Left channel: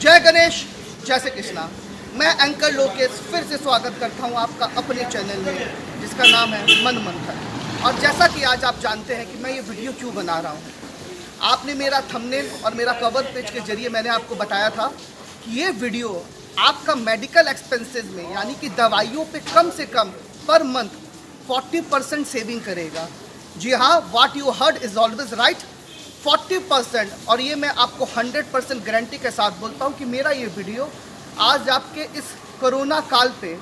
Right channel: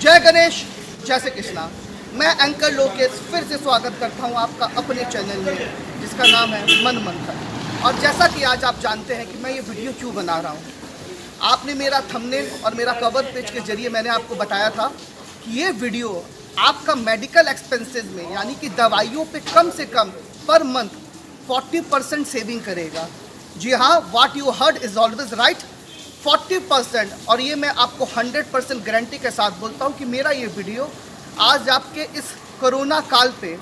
जय गणेश, जय श्री कृष्णा। मैं एंकर लोकेश फिर से स्वागत करता हूं आपका अपने चैनल में जिसका नाम है मन मंथन। और जैसा कि आज आप जानते हैं कि मैं ये वीडियो क्यों बना रहा हूं, आपने मेरा थंबनेल और मेरा कवर पेज के जरिए मैंने आपको बताया था कि ये वीडियो आपका मेडिकल एक्सपेंसेस में यानी कि दवाइयों पे कम से कम पर मंथ 40% सेविंग करेगा। जी हाँ, what you heard is always right, 40%। और ये मैं आपको 100% गारंटी के साथ बोलता हूँ कि मेरा ये वीडियो आज आपके इस कोरोना काल पे,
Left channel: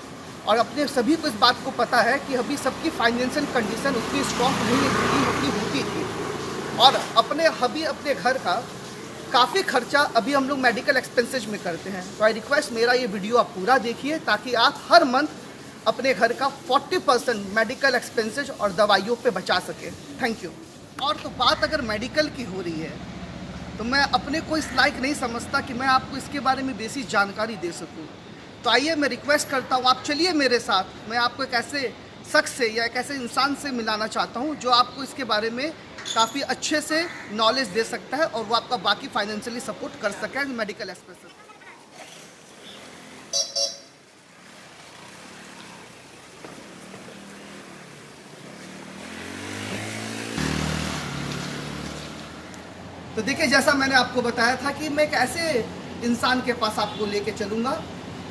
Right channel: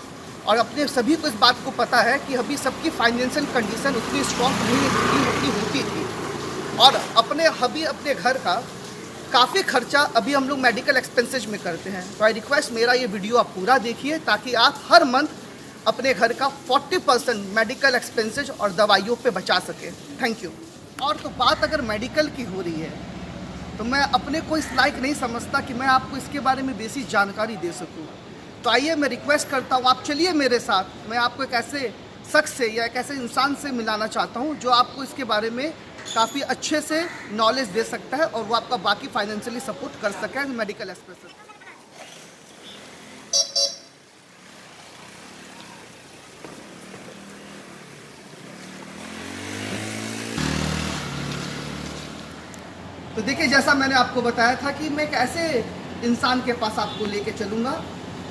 और अपने सभी को इस बात को पता है कि अभी सबकी फाइनेंशियल कंडीशन उतनी स्ट्रॉन्ग नहीं होती थी, और अपने घर का काफ़ी खर्चा अभी हम लोग मेडिकल एक्सपेंसेज में करते हैं। तो आई रिक्वेस्ट मेरा ये वीडियो आप पूरा देखिए ताकि आप हर मंथ अपने घर का 40% मेडिकल एक्सपेंसेज और दवाइयों पे बचा सके। Thank you. और तो बात अगर मेडिकल की हो रही है तो मैं अपने को इस लायक नहीं समझता कि मैं आपको इसके बारे में बेसिक जानकारी दे सकूं। तो आइए मैं रिक्वेस्ट करता हूं, आप चलिए मेरे साथ, मैं आपको एक ऐसे शख्स से या एक ऐसे इंसान से मिलाना चाहता हूं जो आपको इसके बारे में काफ़ी अच्छे से नॉलेज दे सकता है और वो आपका बाकी फाइनेंशियली सपोर्ट कर सके मेडिकल एक्सपेंसेस। तो देखिए, जैसा मैंने आपको बताया था कि मैं एक ऐसे इंसान के पास आपको लेके चलूँगा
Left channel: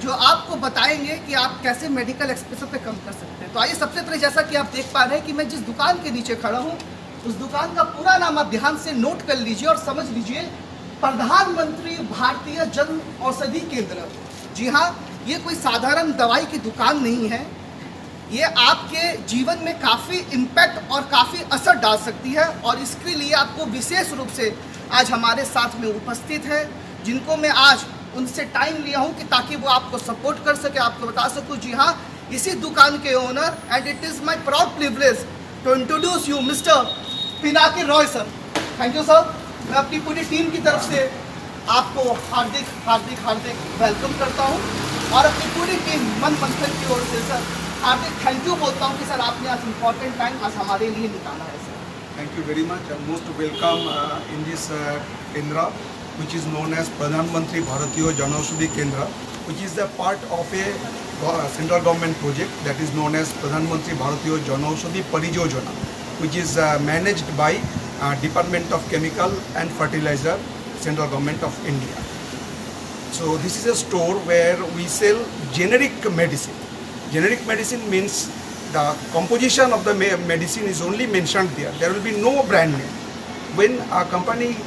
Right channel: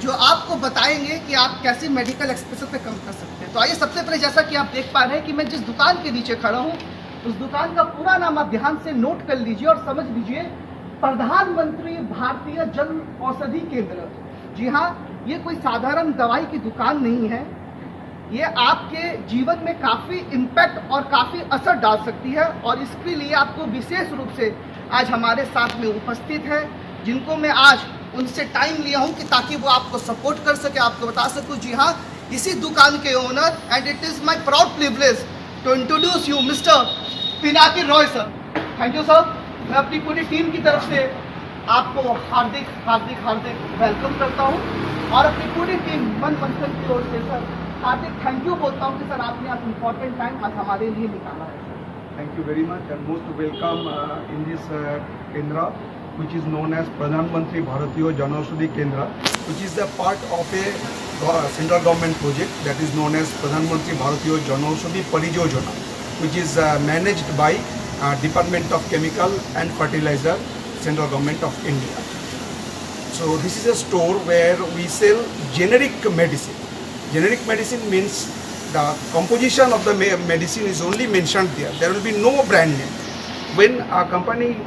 जो आपको बताएंगे कि आप कैसे मेडिकल एक्सपेंसेस पे कम कर सकते हैं। तो आइए, सबसे पहले जैसा कि आप देख पा रहे हैं कि मैं जिस दुकान के नीचे खड़ा हूँ उस दुकान का पूरा नाम आप ध्यान से नोट कर लीजिए और समझ लीजिए, प्रधानमंत्री भारतीय जन औषधि केंद्र। जी हाँ, ये कोई साधारण दवाई की दुकान नहीं है, ये आपके जीवन में काफ़ी इम्पैक्ट और काफ़ी असर डाल सकती है। और इसके लिए आपको विशेष रूप से आज हमारे साथ में उपस्थित है, जिनको मैं आज उनसे टाइम लिया हूं कि ताकि वो आपको सपोर्ट कर सके, आपको बता सकूं। जी हाँ, इसी दुकान के owner, and it is my proud privilege to introduce you mister Pinaki Roy sir. Thank you sir. मैं अपनी पूरी टीम की तरफ से आपको हार्दिक हार्दिक हार्दिक वेलकम करता हूँ और अपनी पूरी टीम मन मंथन की ओर से सर हार्दिक थैंक यू बोलता हूँ कि सर आपने आज इम्पोर्टेंट टाइम आज हमारे लिए निकाला है sir. Thank you very much and most welcome in this Kendra, which is known as Pradhan Mantri Bharatiya Janaushadhi Kendra, which is a part of a central government project that is known as Pradhan Mantri Bharatiya Janaushadhi Parijojana, which is managed by Department of Chemical and Fertilizer, Central Government of India. So this is a store where we sell generic medicine. Generic medicine means the composition of the medicine is only mentioned there. There will be no brand name. When a company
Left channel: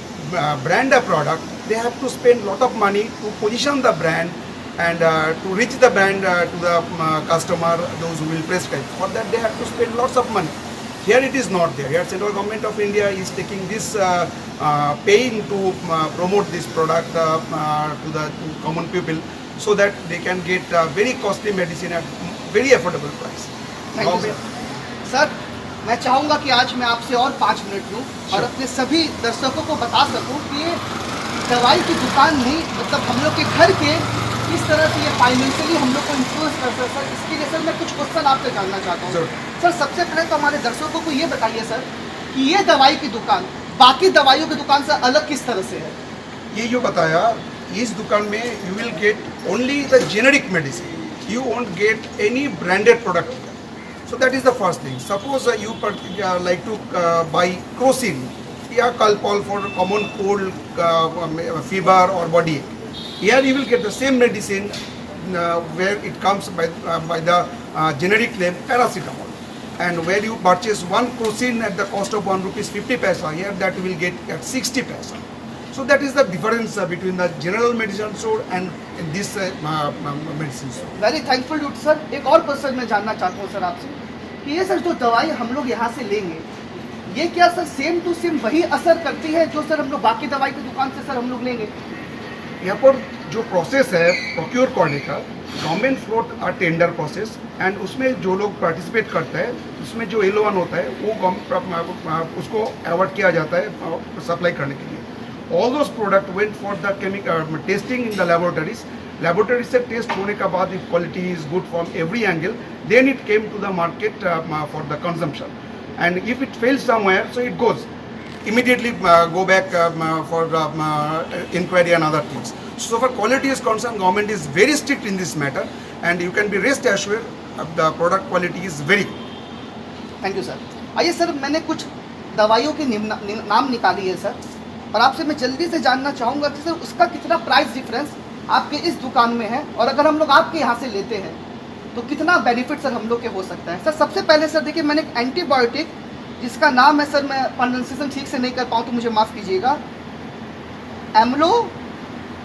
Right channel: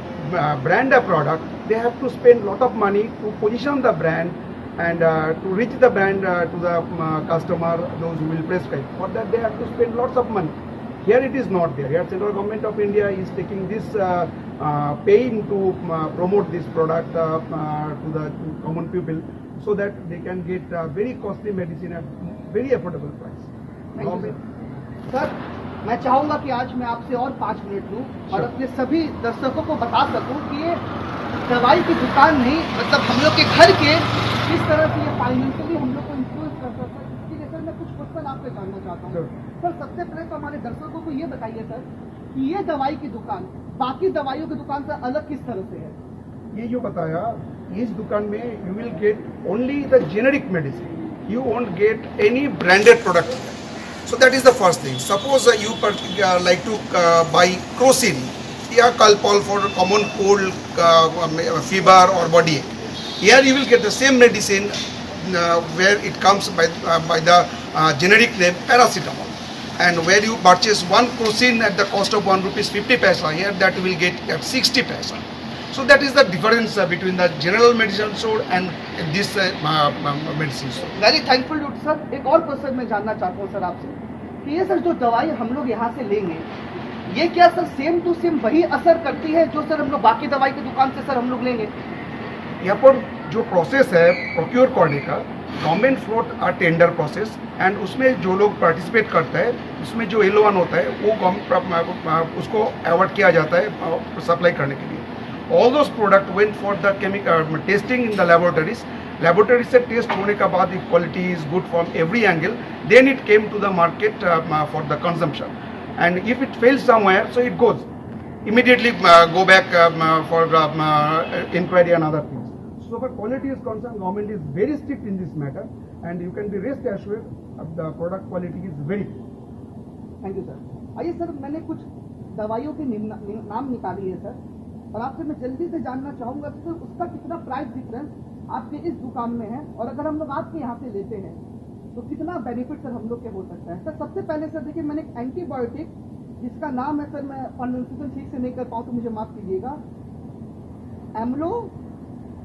brand a product, they have to spend lot of money to position the brand and to reach the brand to the customer, those who will prescribe. For that they have to spend lots of money. Here it is not there. Here Central Government of India is taking this paying to promote this product to the common people so that they can get very costly medicine at very affordable price. Sir, मैं चाहूँगा कि आज मैं आपसे और 5 minute लूँ और अपने सभी दर्शकों को बता सकूँ कि ये दवाई की दुकान नहीं, मतलब हम लोग के घर के किस तरह से ये फाइनेंशियली हम लोग को इन्फ्लुएंस कर सकता है। इसके लिए सर मैं कुछ क्वेश्चन आपसे जानना चाहता हूँ। सर, सबसे पहले तो हमारे दर्शकों को ये बताइए सर कि ये दवाई की दुकान बाकी दवाइयों की दुकान से अलग किस तरह से है? ये जो बताया, इस दुकान में you will get only the generic medicine, you won't get any branded product here. So that is the first thing. Suppose you like to buy Crocin, yeah, Calpol for common cold, fever or body ache. Here you will get the same medicine where it comes by the generic name paracetamol. And where you purchase one Crocin at the cost of ₹1.50, here that you will get at 60 paisa. So that is the difference between the general medicine store and this medicine store. Very thankful dude sir. एक और question मैं जानना चाहता हूँ sir आपसे कि ये sir जो दवाई हम लोग यहाँ से लेंगे, ये क्या सर सेम टू सेम वही असर करती है जो सर हम लोग बाकी दवाई की दुकान से सर हम लोग लेंगे? यहाँ पर जो प्रोसेस है प्रोक्योर करने का, government float a tender process, and उसमें जो लोग पार्टिसिपेट करता है उसमें जो L1 होता है वो उसको अवार्ड किया जाता है सप्लाई करने के लिए। All those products went for the chemical testing in the laboratories. Laboratories से टेस्ट होने का बाद if quality is good from every angle, then it came to the market for the consumption. And if it fails somewhere, so it goes immediately go back for inquiry and other things. So for quality is concerned, government is very strict in this matter, and you can be rest assured the product quality is very good. Thank you sir. आइए sir, मैंने कुछ दवाइयों के नाम निकाली है sir, और आपसे मैं जल्दी से जानना चाहूँगा कि सर उसका कितना प्राइस डिफरेंस आपके इस दुकान में है, और अगर हम लोग आपके यहाँ से लेते हैं तो कितना बेनिफिट सर हम लोग के हो सकता है। सर सबसे पहले सर देखिए, मैंने एक एंटीबायोटिक जिसका नाम है सर, मैं प्रोनाउंसिएशन ठीक से नहीं कर पाऊँ तो मुझे माफ़ कीजिएगा,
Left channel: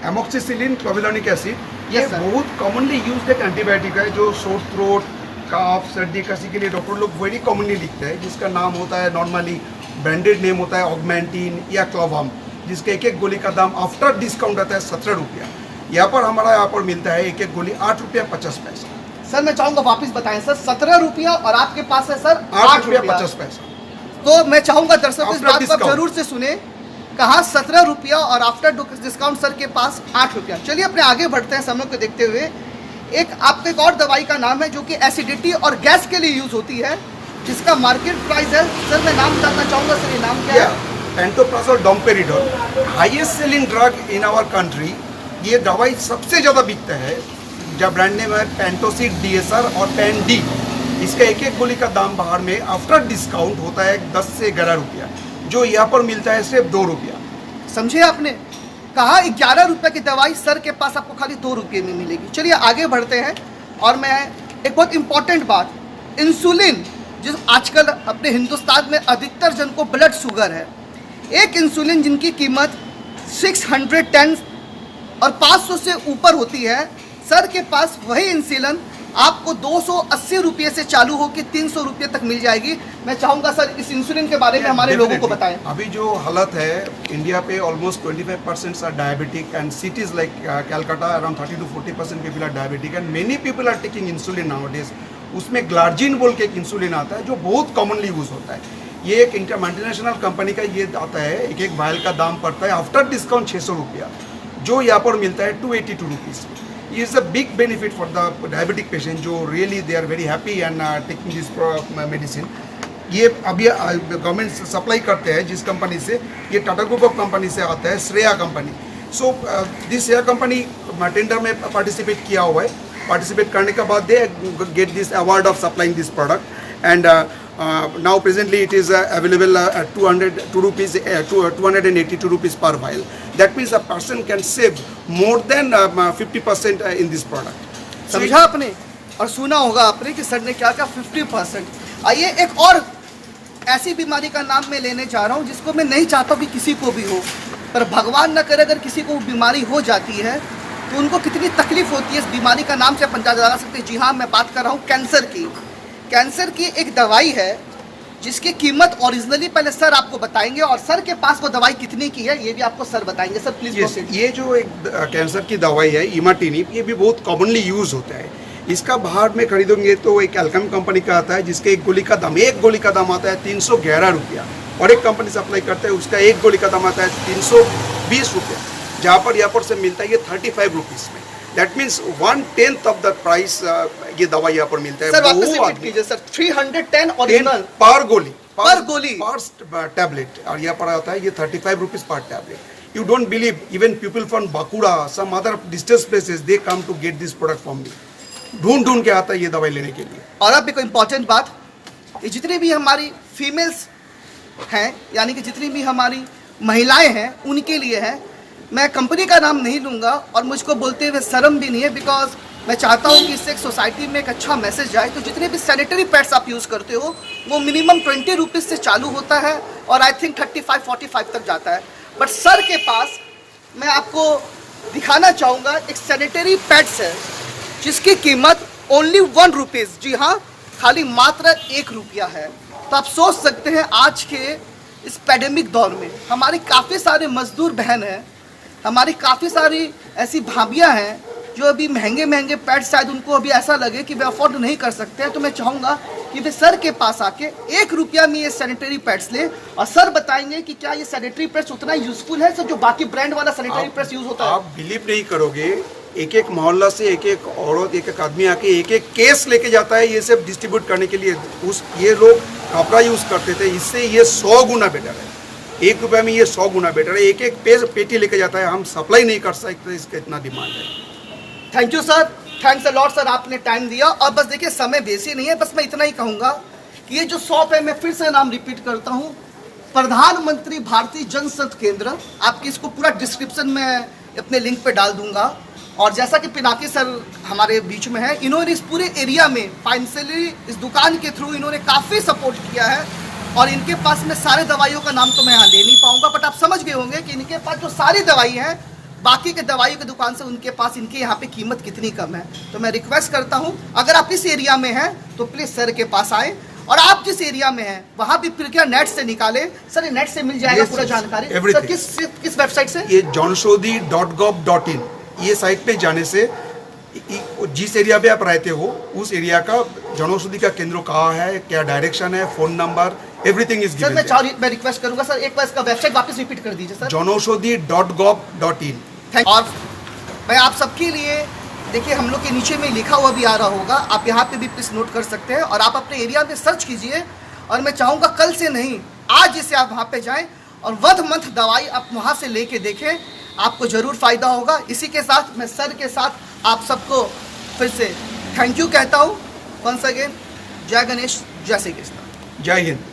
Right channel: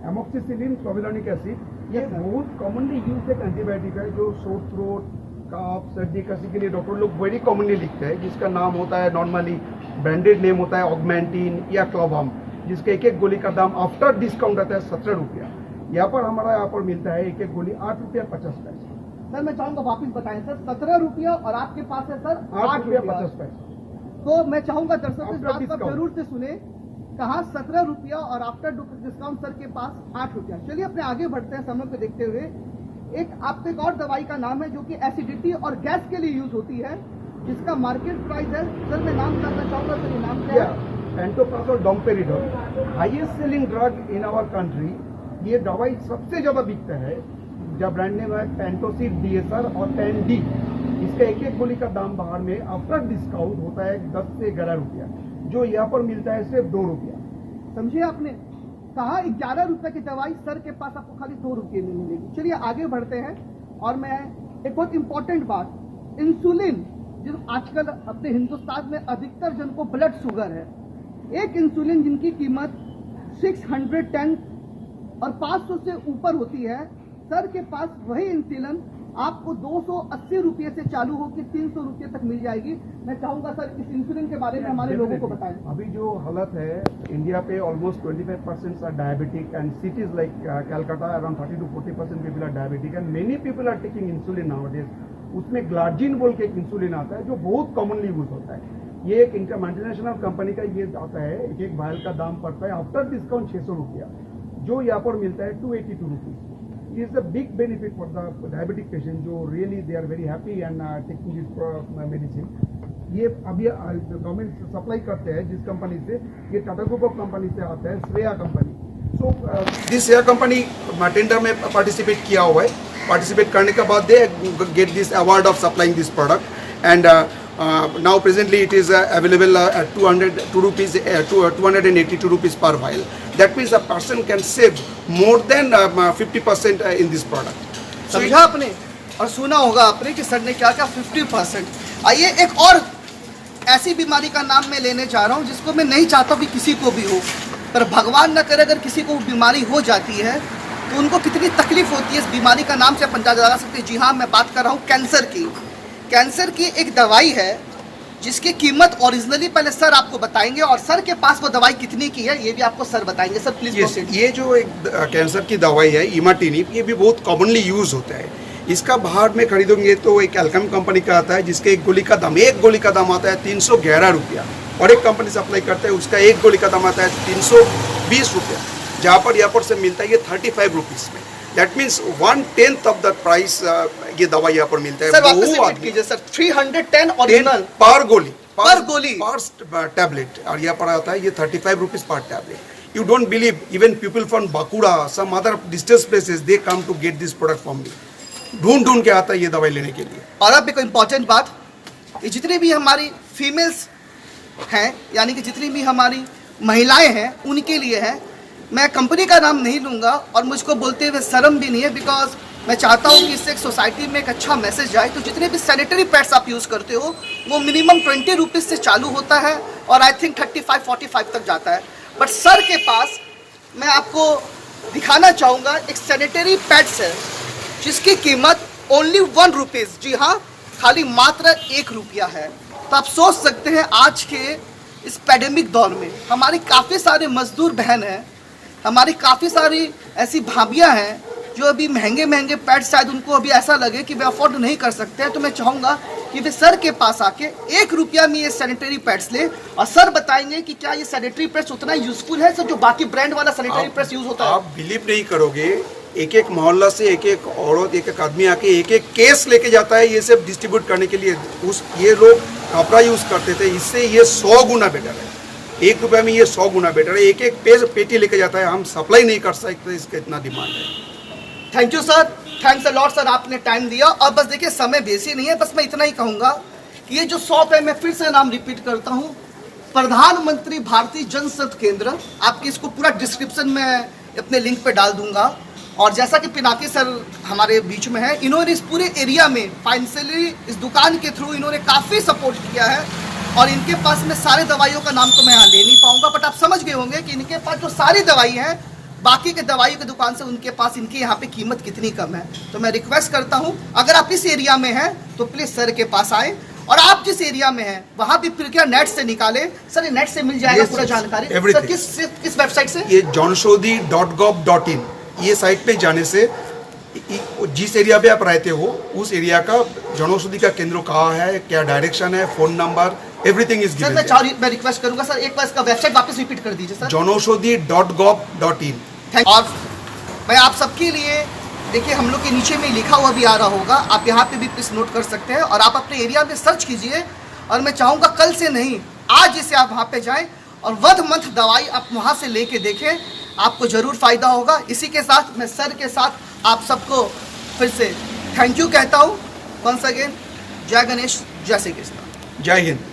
एमोक्सिसिलिन क्लोविलानिक एसिड, ये Yes, sir. बहुत कॉमनली यूज्ड एक एंटीबायोटिक है जो सोर थ्रोट, काफ, सर्दी खांसी के लिए डॉक्टर लोग वेरी कॉमनली लिखते हैं, जिसका नाम होता है नॉर्मली ब्रांडेड नेम होता है ऑगमेंटिन या क्लोवाम, जिसका एक एक गोली का दाम आफ्टर डिस्काउंट आता है 17 रुपया। यहाँ पर हमारा यहाँ पर मिलता है एक एक गोली 8 रुपया 50 पैसा। सर मैं चाहूँगा वापस बताएं सर, 17 रुपया और आपके पास है सर 8 रुपया 50 पैसा। तो मैं चाहूँगा दर्शकों इस After बात को आप discount. जरूर से सुने, कहा 17 रुपया और आफ्टर डिस्काउंट सर के पास 8 रुपया। चलिए अपने आगे बढ़ते हैं समय को देखते हुए। एक आपके एक और दवाई का नाम है जो कि एसिडिटी और गैस के लिए यूज होती है, जिसका मार्केट प्राइस है सर, मैं नाम जानना चाहूँगा सर, ये नाम क्या है? Pantoprazole domperidone, highest selling drug in our country. ये दवाई सबसे ज़्यादा बिकता है, जब ब्रांड नेम है पेंटोसिड डीएसआर और पेन डी। इसका एक एक गोली का दाम बाहर में आफ्टर डिस्काउंट होता है 10 से 11 रुपया, जो यहाँ पर मिलता है सिर्फ 2 रुपया। समझे आपने, कहा 11 रुपए की दवाई सर के पास आपको खाली 2 रुपये में मिलेगी। चलिए आगे बढ़ते हैं, और मैं एक बहुत इंपॉर्टेंट बात, इंसुलिन, जिस आजकल अपने हिंदुस्तान में अधिकतर जन को ब्लड शुगर है, एक इंसुलिन जिनकी कीमत 610 और 500 से ऊपर होती है, सर के पास वही इंसुलिन आपको 280 रुपये से चालू होकर 300 रुपये तक मिल जाएगी। मैं चाहूँगा सर इस इंसुलिन के बारे में हमारे लोगों को बताएं। अभी जो हालत है इंडिया पे, almost 25% are diabetic, and cities like Calcutta around 30 to 40% people are diabetic, and many people are taking insulin nowadays. उसमें ग्लार्जिन बोल के एक इंसुलिन आता है जो बहुत कॉमनली यूज होता है। ये एक मल्टीनेशनल कंपनी का ये आता है, एक एक वायल का दाम पड़ता है आफ्टर डिस्काउंट 600 रुपया, जो यहाँ पर मिलता है 282 रुपीज़। ये is a big benefit for the diabetic patient, जो really they are very happy and taking this medicine. ये अभी गवर्नमेंट सप्लाई करते हैं जिस कंपनी से, ये टाटा ग्रुप ऑफ कंपनी से आता है, Shreya company. So this Shreya company tender में पार्टिसिपेट किया हुआ है, पार्टिसिपेट करने के बाद they get this award of supplying this product, and now presently it is available at 282 rupees per vial. That means a person can save more than 50% in this product. समझा आपने और सुना होगा आपने कि सर ने क्या कहा, 50%। आइए एक और ऐसी बीमारी का नाम मैं लेने जा रहा हूँ जिसको मैं नहीं चाहता कि किसी को भी हो, पर भगवान न करे अगर किसी को बीमारी हो जाती है तो उनको कितनी तकलीफ होती है। इस बीमारी का नाम से आप अंदाजा लगा सकते हैं। जी हाँ, मैं बात कर रहा हूँ कैंसर की। कैंसर की एक दवाई है जिसकी कीमत ओरिजिनली पहले सर आपको बताएंगे, और सर के पास वो दवाई कितनी की है ये भी आपको सर बताएंगे। सर प्लीज yes, ये जो एक कैंसर की दवाई है इमाटिनिब, ये भी बहुत कॉमनली यूज होता है। इसका बाहर में खरीदोगे तो एक एल्केम कंपनी का आता है, जिसके एक गोली का दाम आता है 311 रुपया, और एक कंपनी सप्लाई करता है उसका एक गोली का दाम आता है 320 रुपया, जहाँ पर यहाँ पर से मिलता है ये 35 रुपीज़ में। That means 1/10 of the price ये दवा यहाँ पर मिलता है। सर 310 ओरिजिनल पर गोली पर टैबलेट, और यहाँ पर आता है ये 35 रुपीज़ पर tablet. You don't believe, even people from Bakura, some other distance places, they come to get this product from me. ढूंढ के आता है ये दवाई लेने के लिए। और अब एक इम्पॉर्टेंट बात, ये जितनी भी हमारी फीमेल्स हैं, यानी कि जितनी भी हमारी महिलाएं हैं, उनके लिए है। मैं कंपनी का नाम नहीं लूँगा और मुझको बोलते हुए शर्म भी नहीं है, बिकॉज मैं चाहता हूँ कि इससे एक सोसाइटी में एक अच्छा मैसेज जाए। तो जितने भी सैनिटरी पैड्स आप यूज़ करते हो वो मिनिमम 20 रुपीज़ से चालू होता है और आई थिंक 35-45 तक जाता है। बट सर के पास मैं आपको दिखाना चाहूँगा एक सैनिटरी पैड्स है जिसकी कीमत ओनली 1 रुपीज़, जी हाँ, खाली मात्र 1 रुपया है। तो आप सोच सकते हैं आज के इस पैंडेमिक दौर में हमारी काफ़ी सारे मजदूर बहन हैं, हमारी काफ़ी सारी ऐसी भाभियाँ हैं जो अभी महंगे महंगे पैड्स शायद उनको अभी ऐसा लगे कि वे अफोर्ड नहीं कर सकते हैं। तो मैं चाहूँगा कि वे सर के पास आके 1 रुपया में ये सैनिटरी पैड्स ले, और सर बताएंगे कि क्या ये सैनिटरी पैड्स उतना यूजफुल है सर जो बाकी ब्रांड वाला सैनिटरी पैड्स यूज होता है। आप बिलीव नहीं करोगे, एक एक मोहल्ला से एक एक औरत, एक एक आदमी आके एक एक केस लेके जाता है ये सब डिस्ट्रीब्यूट करने के लिए। ये लोग कपड़ा यूज करते थे, इससे ये 100 गुना बेटर है। ₹1 में ये 100 गुना बेटर है। एक एक पेटी लेके जाता है, हम सप्लाई नहीं कर सकते, इसका इतना डिमांड है। Thank you sir, thanks a lot sir, आपने टाइम दिया। और बस देखिए समय बेसी नहीं है, बस मैं इतना ही कहूँगा कि ये जो शॉप है, मैं फिर से नाम रिपीट करता हूँ, प्रधानमंत्री भारतीय जनसंपर्क केंद्र। आपकी इसको पूरा डिस्क्रिप्शन में अपने लिंक पे डाल दूंगा। और जैसा कि पिनाकी सर हमारे बीच में है, इन्होंने इस पूरे एरिया में फाइनेंशियली इस दुकान के थ्रू इन्होंने काफ़ी सपोर्ट किया है। और इनके पास में सारे दवाइयों का नाम तो मैं यहाँ ले नहीं पाऊंगा, बट आप समझ गए होंगे कि इनके पास जो सारी दवाई है, बाकी के दवाई की दुकान से उनके पास इनके यहाँ पे कीमत कितनी कम है। तो मैं रिक्वेस्ट करता हूँ, अगर आप इस एरिया में हैं तो प्लीज़ सर के पास आए, और आप जिस एरिया में हैं वहाँ भी प्रक्रिया नेट से निकालें। सर ये नेट से मिल जाएगा पूरा जानकारी? सर किस वेबसाइट से? ये janaushadhi.gov.in ये साइट पे जाने से जिस एरिया पे आप रहते हो उस एरिया का जनौषधि का केंद्र कहाँ है, क्या डायरेक्शन है, phone number, everything is given. मैं रिक्वेस्ट करूंगा सर, एक बार इसका वेबसाइट वापस रिपीट कर दीजिए सर। janaushadhi.gov.in। और मैं आप सबके लिए, देखिए हम लोग के नीचे में लिखा हुआ भी आ रहा होगा, आप यहाँ पे भी प्लीज नोट कर सकते हैं, और आप अपने एरिया में सर्च कीजिए। और मैं चाहूँगा कल से नहीं, आज से आप वहाँ पे जाएं और वध मंथ दवाई आप वहाँ से लेके देखें, आपको ज़रूर फ़ायदा होगा। इसी के साथ मैं सर के साथ आप सबको फिर से थैंक यू कहता हूँ। वंस अगेन, जय गणेश, जय श्री कृष्ण, जय हिंद।